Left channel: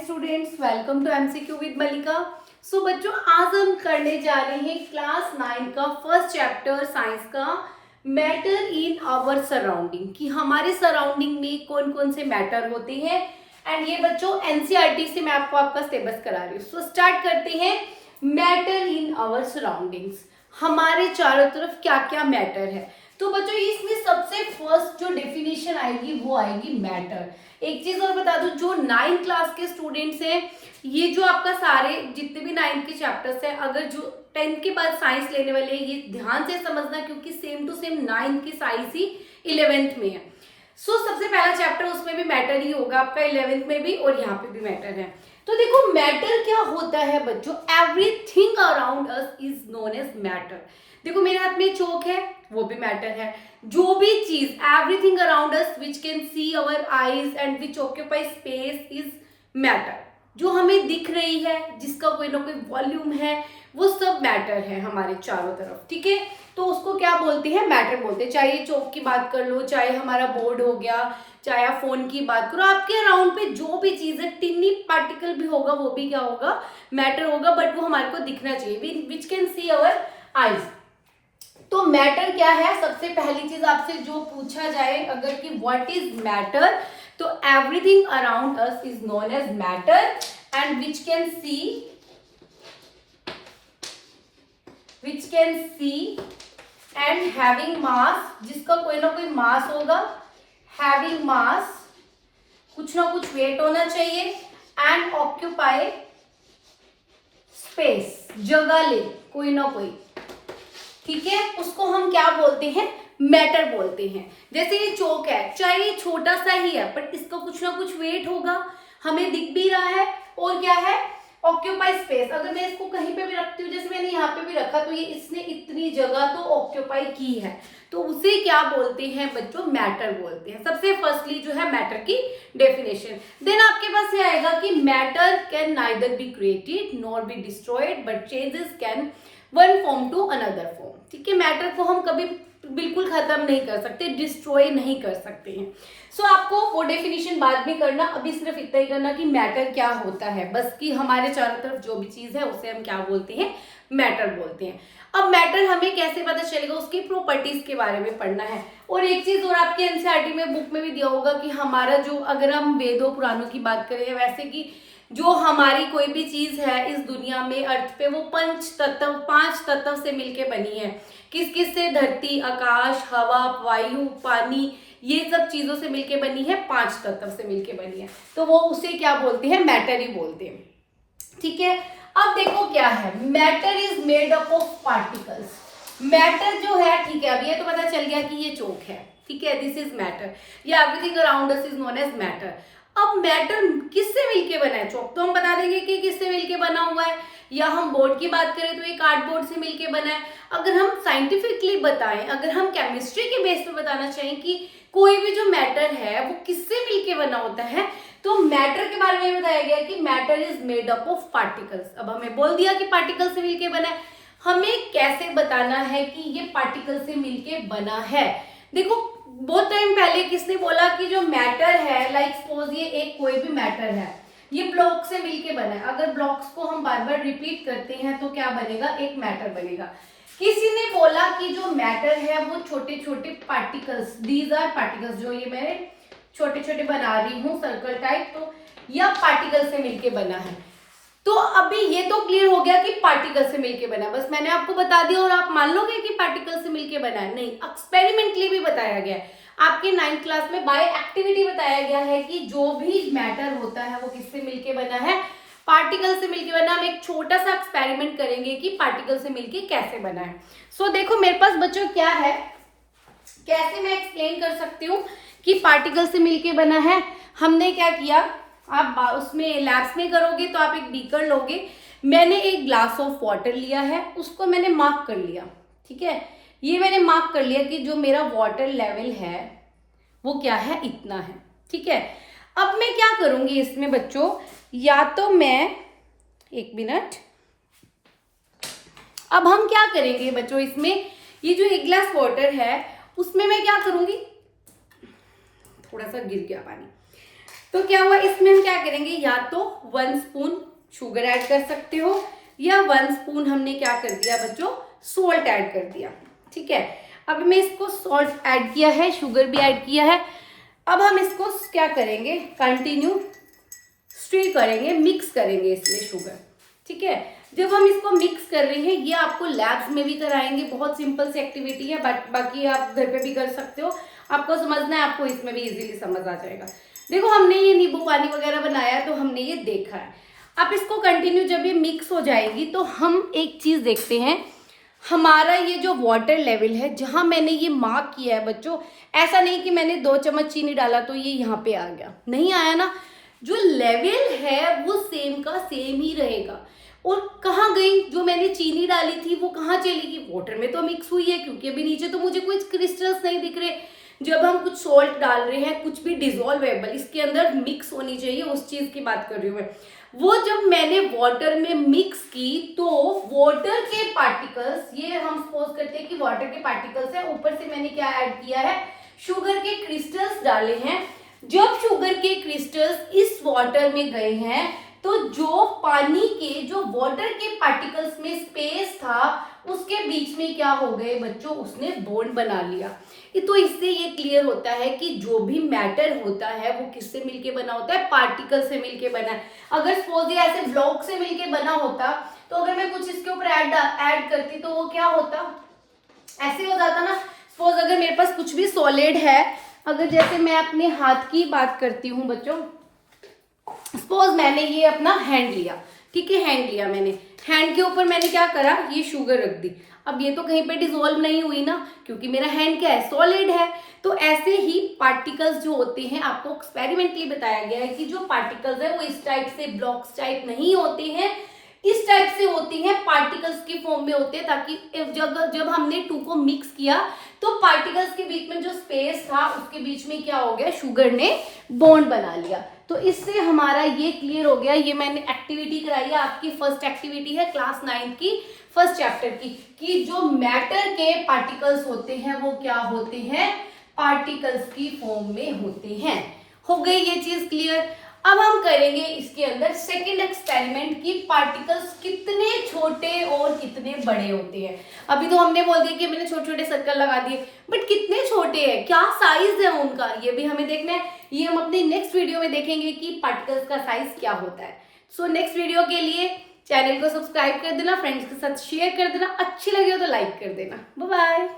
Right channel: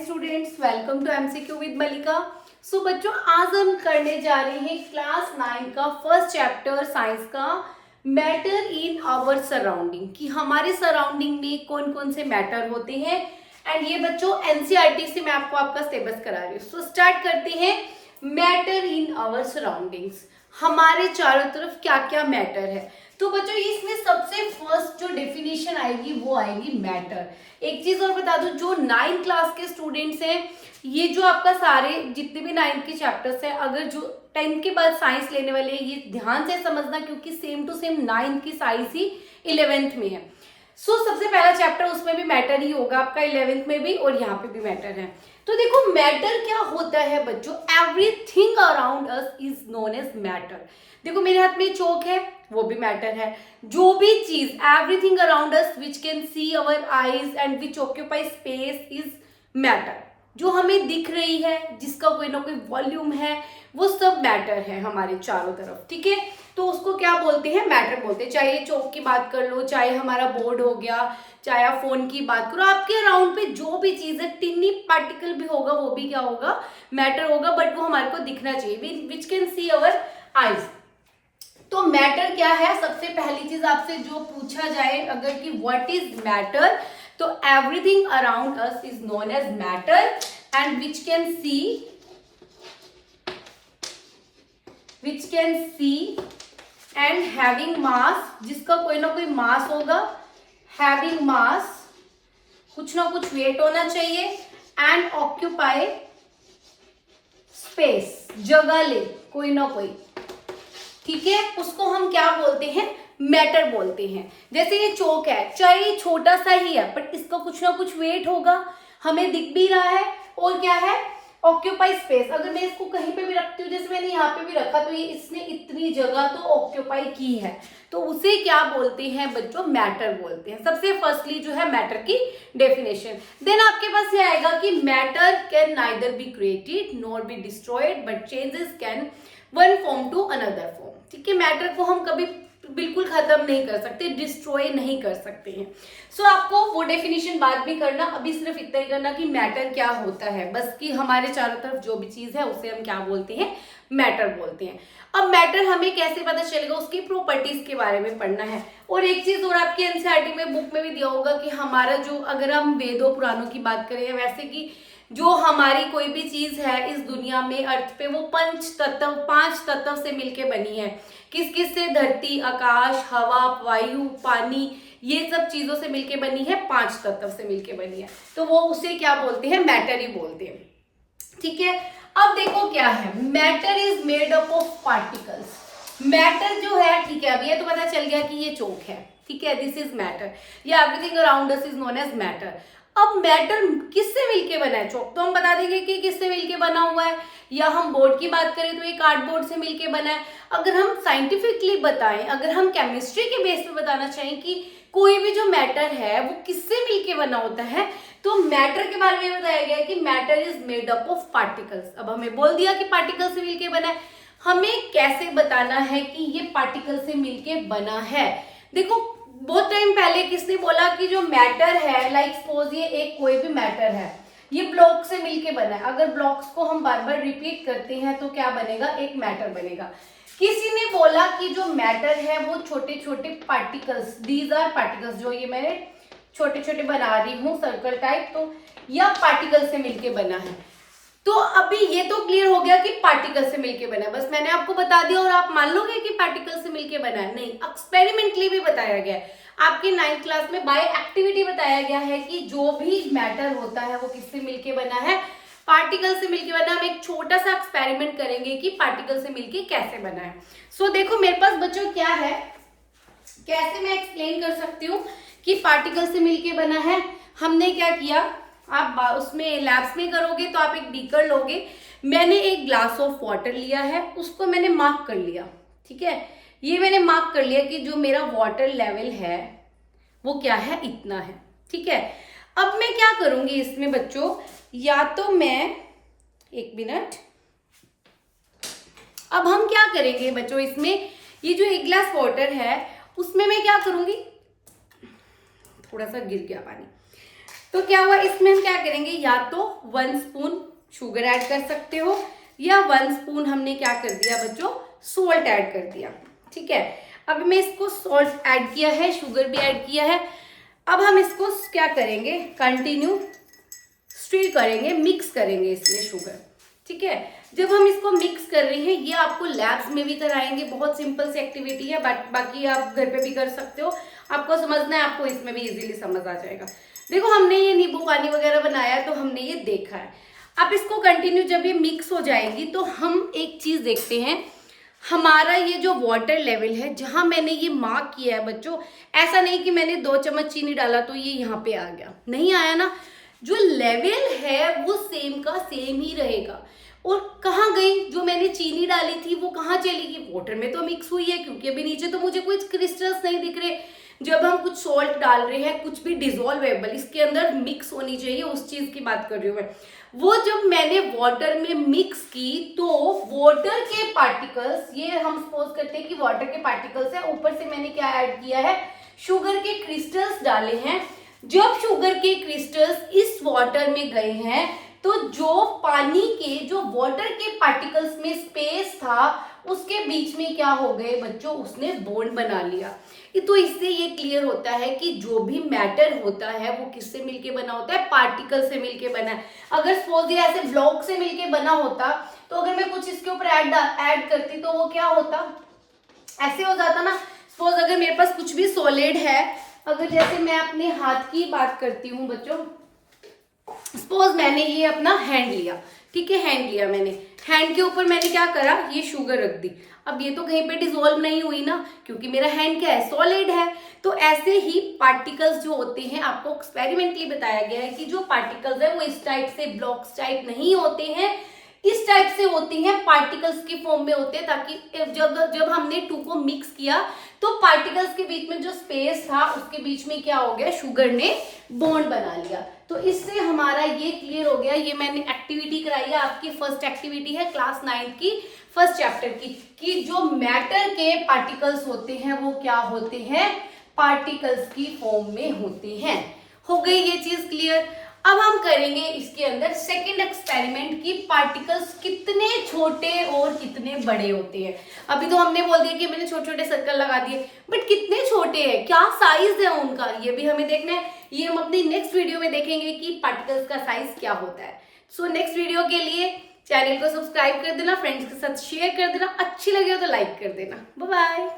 Students, welcome to MCQ with Malika. So बच्चों, आज हम करने जा रहे हैं क्लास 9 का फर्स्ट चैप्टर साइंस का मैटर इन आवर सराउंडिंग, कि हमारे सराउंडिंग में कौन कौन से मैटर होते हैं। एंड ये बच्चों एनसीईआरटी से मैं आपको आपका सिलेबस करा रही हूँ। सो स्टार्ट करते हैं। मैटर इन आवर सराउंडिंग्स, हमारे चारों तरफ क्या क्या मैटर है। तो बच्चों इसमें सबसे फर्स्ट जो डेफिनेशन आएगी वो आएगी मैटर। एक चीज और बता दूं, जो 9th क्लास के स्टूडेंट्स हैं, ये जो आपका सारे जितने भी 9th के चैप्टर्स हैं, अगर जो 10th के बाद साइंस लेने वाले हैं, ये ध्यान से समझना, क्योंकि सेम टू सेम 9th की साइंस ही 11th में है। सो सबसे पहला चैप्टर उसमें भी मैटर ही होगा आपका, 11th में भी, और यहाँ पे भी मैटर है। तो देखो मैटर क्या होता है बच्चों, everything around us is known as matter. देखो मेरे हाथ में चौक है, वो भी मैटर है। जो भी चीज, everything around us which can C our eyes and which occupy space is matter. जो हमें दिख रही है, जिसका कोई ना कोई वॉल्यूम है, वो सब मैटर है हमारे चारों तरफ, ठीक है। तो उसको क्या बोलते हैं, मैटर बोलते हैं। चाहे चौक की बात कर लो, चाहे हमारा बोर्ड हो गया, चाहे आप फोन की बात करो, आपके अराउंड पे जो भी चीज है, टिन्नी पार्टिकल भी होगा, वो भी क्या होगा, मैटर होगा। बट वो हमारे को दिखना चाहिए, विच कैन सी अवर आईज। तो मैटर क्या है, सबसे पहली चीज आपसे जो पूछा जाए अगर कि व्हाट इज मैटर, तो everything around us is known as matter and which can see and having mass, जिसका कोई ना कोई मास होगा, हैविंग मास, कुछ ना कुछ वेट होना चाहिए, एंड ऑक्यूपाई स्पेस, जगह ले कोई ना कोई, ठीक है। उसको हम क्या बोलते हैं, मैटर बोलते हैं। जैसे ये चौक है, चाहे ये छोटा सा ही है, बट इसका कुछ ना कुछ वेट होगा, हमें दिख भी रहा है, और क्या है, ऑक्यूपाई स्पेस। अगर मैं इसको कहीं पे भी रखती हूँ, जैसे मैंने यहाँ पे भी रखा, तो ये इसने इतनी जगह तो ऑक्यूपाई की है, तो उसे क्या बोलते हैं बच्चों, मैटर बोलते हैं। सबसे फर्स्टली जो है मैटर की डेफिनेशन। देन आपके पास ये आएगा कि matter can neither be created nor be destroyed but changes can one form to another form, ठीक है। मैटर को हम कभी बिल्कुल खत्म नहीं कर सकते, डिस्ट्रॉय नहीं कर सकते हैं। सो आपको वो डेफिनेशन बाद में करना, अभी सिर्फ इतना ही करना कि मैटर क्या होता है, बस कि हमारे चारों तरफ जो भी चीज है उसे हम क्या बोलते हैं, मैटर बोलते हैं। अब मैटर हमें कैसे पता चलेगा, उसकी प्रॉपर्टीज के बारे में पढ़ना है। और एक चीज और आपके एनसीईआरटी में बुक में भी दिया होगा कि हमारा जो, अगर हम वेदों पुराणों की बात करें, वैसे कि जो हमारी कोई भी चीज है इस दुनिया में, अर्थ पे, वो पांच तत्व से मिलके बनी है। किस किस से, धरती, आकाश, हवा, वायु, पानी, ये सब चीजों से मिलके बनी है, 5 तत्व से मिलके बनी है। तो वो उसे क्या बोलते हैं, मैटर ही बोलते हैं, ठीक है। अब देखो क्या है, matter is made up of particles. Matter जो है, ठीक है, अब ये तो पता चल गया कि ये चौक है, ठीक है, दिस इज मैटर, या everything around us is known as matter. अब मैटर किससे मिलके बना है, चौक तो हम बता देंगे कि किससे मिलके बना हुआ है, या हम बोर्ड की बात करें तो ये कार्डबोर्ड से मिलके बना है। अगर हम साइंटिफिकली बताएं, अगर हम केमिस्ट्री के बेस पे बताना चाहें कि कोई भी जो मैटर है वो किससे मिलके बना होता है, तो मैटर के बारे में बताया गया कि matter is made up of particles. अब हमें बोल दिया कि पार्टिकल से मिलके बना है, हमें कैसे बताना है कि ये पार्टिकल से मिलके बना है। देखो बहुत टाइम पहले किसने बोला कि जो मैटर है, लाइक सपोज ये एक कोई भी मैटर है, ये ब्लॉक से मिलके बना है। अगर ब्लॉक्स को हम बार बार रिपीट करते हैं तो क्या बनेगा, एक मैटर बनेगा। किसी ने बोला कि जो मैटर है वो छोटे छोटे पार्टिकल्स, दीज आर पार्टिकल्स, जो ये मैं छोटे छोटे बना रही हूँ सर्कल टाइप, तो यह पार्टिकल से मिलके बना है। तो अभी ये तो क्लियर हो गया कि पार्टिकल से मिलके बना है, बस मैंने आपको बता दिया और आप मान लोगे कि पार्टिकल से मिलके बना है। नहीं, एक्सपेरिमेंटली भी बताया गया है। आपके 9th क्लास में बाय एक्टिविटी बताया गया है कि जो भी मैटर होता है वो किससे मिलके बना है, पार्टिकल से मिलके बना। हम एक छोटा सा एक्सपेरिमेंट करेंगे कि पार्टिकल से मिलके कैसे बना है। सो देखो मेरे पास बच्चों क्या है, कैसे मैं एक्सप्लेन कर सकती हूँ कि पार्टिकल से मिलके बना है। हमने क्या किया, आप उसमें लैब्स में करोगे तो आप एक बीकर लोगे, मैंने एक ग्लास ऑफ वाटर लिया है, उसको मैंने मार्क कर लिया, ठीक है। ये मैंने मार्क कर लिया कि जो मेरा वाटर लेवल है वो क्या है, इतना है, ठीक है। अब मैं क्या करूंगी इसमें बच्चों, या तो मैं, एक मिनट, अब हम क्या करेंगे बच्चों, इसमें ये जो एक ग्लास वाटर है उसमें मैं क्या करूंगी, थोड़ा सा गिर गया पानी, तो क्या हुआ, इसमें हम क्या करेंगे, या तो 1 स्पून शुगर ऐड कर सकते हो या 1 स्पून हमने क्या कर दिया बच्चों, सॉल्ट ऐड कर दिया। ठीक है, अब मैं इसको सॉल्ट ऐड किया है, शुगर भी ऐड किया है। अब हम इसको क्या करेंगे, कंटिन्यू स्टीर करेंगे, मिक्स करेंगे इसमें शुगर। ठीक है, जब हम इसको मिक्स कर रहे हैं, ये आपको लैब्स में भी कराएंगे, बहुत सिंपल सी एक्टिविटी है, बट बाकी आप घर पे भी कर सकते हो। आपको समझना है, आपको इसमें भी इजीली समझ आ जाएगा। देखो हमने ये नींबू पानी वगैरह बनाया है, तो हमने ये देखा है। अब इसको कंटिन्यू जब ये मिक्स हो जाएगी तो हम एक चीज देखते हैं, हमारा ये जो वाटर लेवल है, जहां मैंने ये मार्क किया है बच्चों, ऐसा नहीं कि मैंने 2 चम्मच चीनी डाला तो ये यहाँ पे आ गया, नहीं आया ना। जो लेवल है वो सेम का सेम ही रहेगा। और कहाँ गई जो मैंने चीनी डाली थी, वो कहाँ चली गई, वाटर में तो मिक्स हुई है, क्योंकि अभी नीचे तो मुझे कोई क्रिस्टल्स नहीं दिख रहे। जब हम कुछ सॉल्ट डाल रहे हैं, कुछ भी डिजोल्वेबल इसके अंदर मिक्स होनी चाहिए, उस चीज की बात कर रही हूँ मैं। वो जब मैंने वाटर में मिक्स की तो वाटर के पार्टिकल्स, ये हम सपोज करते हैं कि वाटर के पार्टिकल्स है, ऊपर से मैंने क्या ऐड किया है, शुगर के क्रिस्टल्स डाले हैं। जब शुगर के क्रिस्टल्स इस वाटर में गए हैं तो जो पानी के, जो वाटर के पार्टिकल्स में स्पेस था, उसके बीच में क्या हो गए बच्चों, उसने बॉन्ड बना लिया। तो इससे ये क्लियर होता है कि जो भी मैटर होता है वो किससे मिलके बना होता है, पार्टिकल से मिलके बना है। अगर सपोज ये ऐसे ब्लॉक से मिलके बना होता, तो अगर मैं कुछ इसके ऊपर ऐड करती तो वो क्या होता, ऐसे हो जाता ना। सपोज अगर मेरे पास कुछ भी सॉलिड है, अगर जैसे मैं अपने हाथ की बात करती हूँ बच्चों, सपोज मैंने ये अपना हैंड लिया, ठीक है, हैंड लिया मैंने, हैंड के ऊपर मैंने क्या करा, ये शुगर रख दी। अब ये तो कहीं पे डिसॉल्व नहीं हुई ना, क्योंकि मेरा हैंड क्या है, सॉलिड है। तो ऐसे ही पार्टिकल्स जो होते हैं, आपको एक्सपेरिमेंटली बताया गया है कि जो पार्टिकल्स है वो इस टाइप से ब्लॉक्स टाइप नहीं होते हैं, इस टाइप से होती हैं, पार्टिकल्स के फॉर्म में होते हैं, ताकि जब हमने 2 को मिक्स किया तो पार्टिकल्स के बीच में जो स्पेस था उसके बीच में क्या हो गया, शुगर ने बॉन्ड बना लिया। तो इससे हमारा ये क्लियर हो गया। ये मैंने एक्टिविटी कराई है, आपकी फर्स्ट एक्टिविटी है क्लास 9 की फर्स्ट चैप्टर की, कि जो मैटर के पार्टिकल्स होते हैं वो क्या होते हैं, पार्टिकल्स की फॉर्म में होते हैं। हो गई ये चीज क्लियर। अब हम करेंगे इसके अंदर सेकंड एक्सपेरिमेंट की, पार्टिकल्स कितने छोटे और कितने बड़े होते हैं। अभी तो हमने बोल दिया कि मैंने छोटे छोटे सर्कल लगा दिए, बट कितने छोटे हैं, क्या साइज है उनका, ये भी हमें देखना है। ये हम अपनी नेक्स्ट वीडियो में देखेंगे कि पार्टिकल्स का साइज क्या होता है। सो नेक्स्ट वीडियो के लिए चैनल को सब्सक्राइब कर देना, फ्रेंड्स के साथ शेयर कर देना, अच्छी लगे हो तो लाइक कर देना। Bye bye.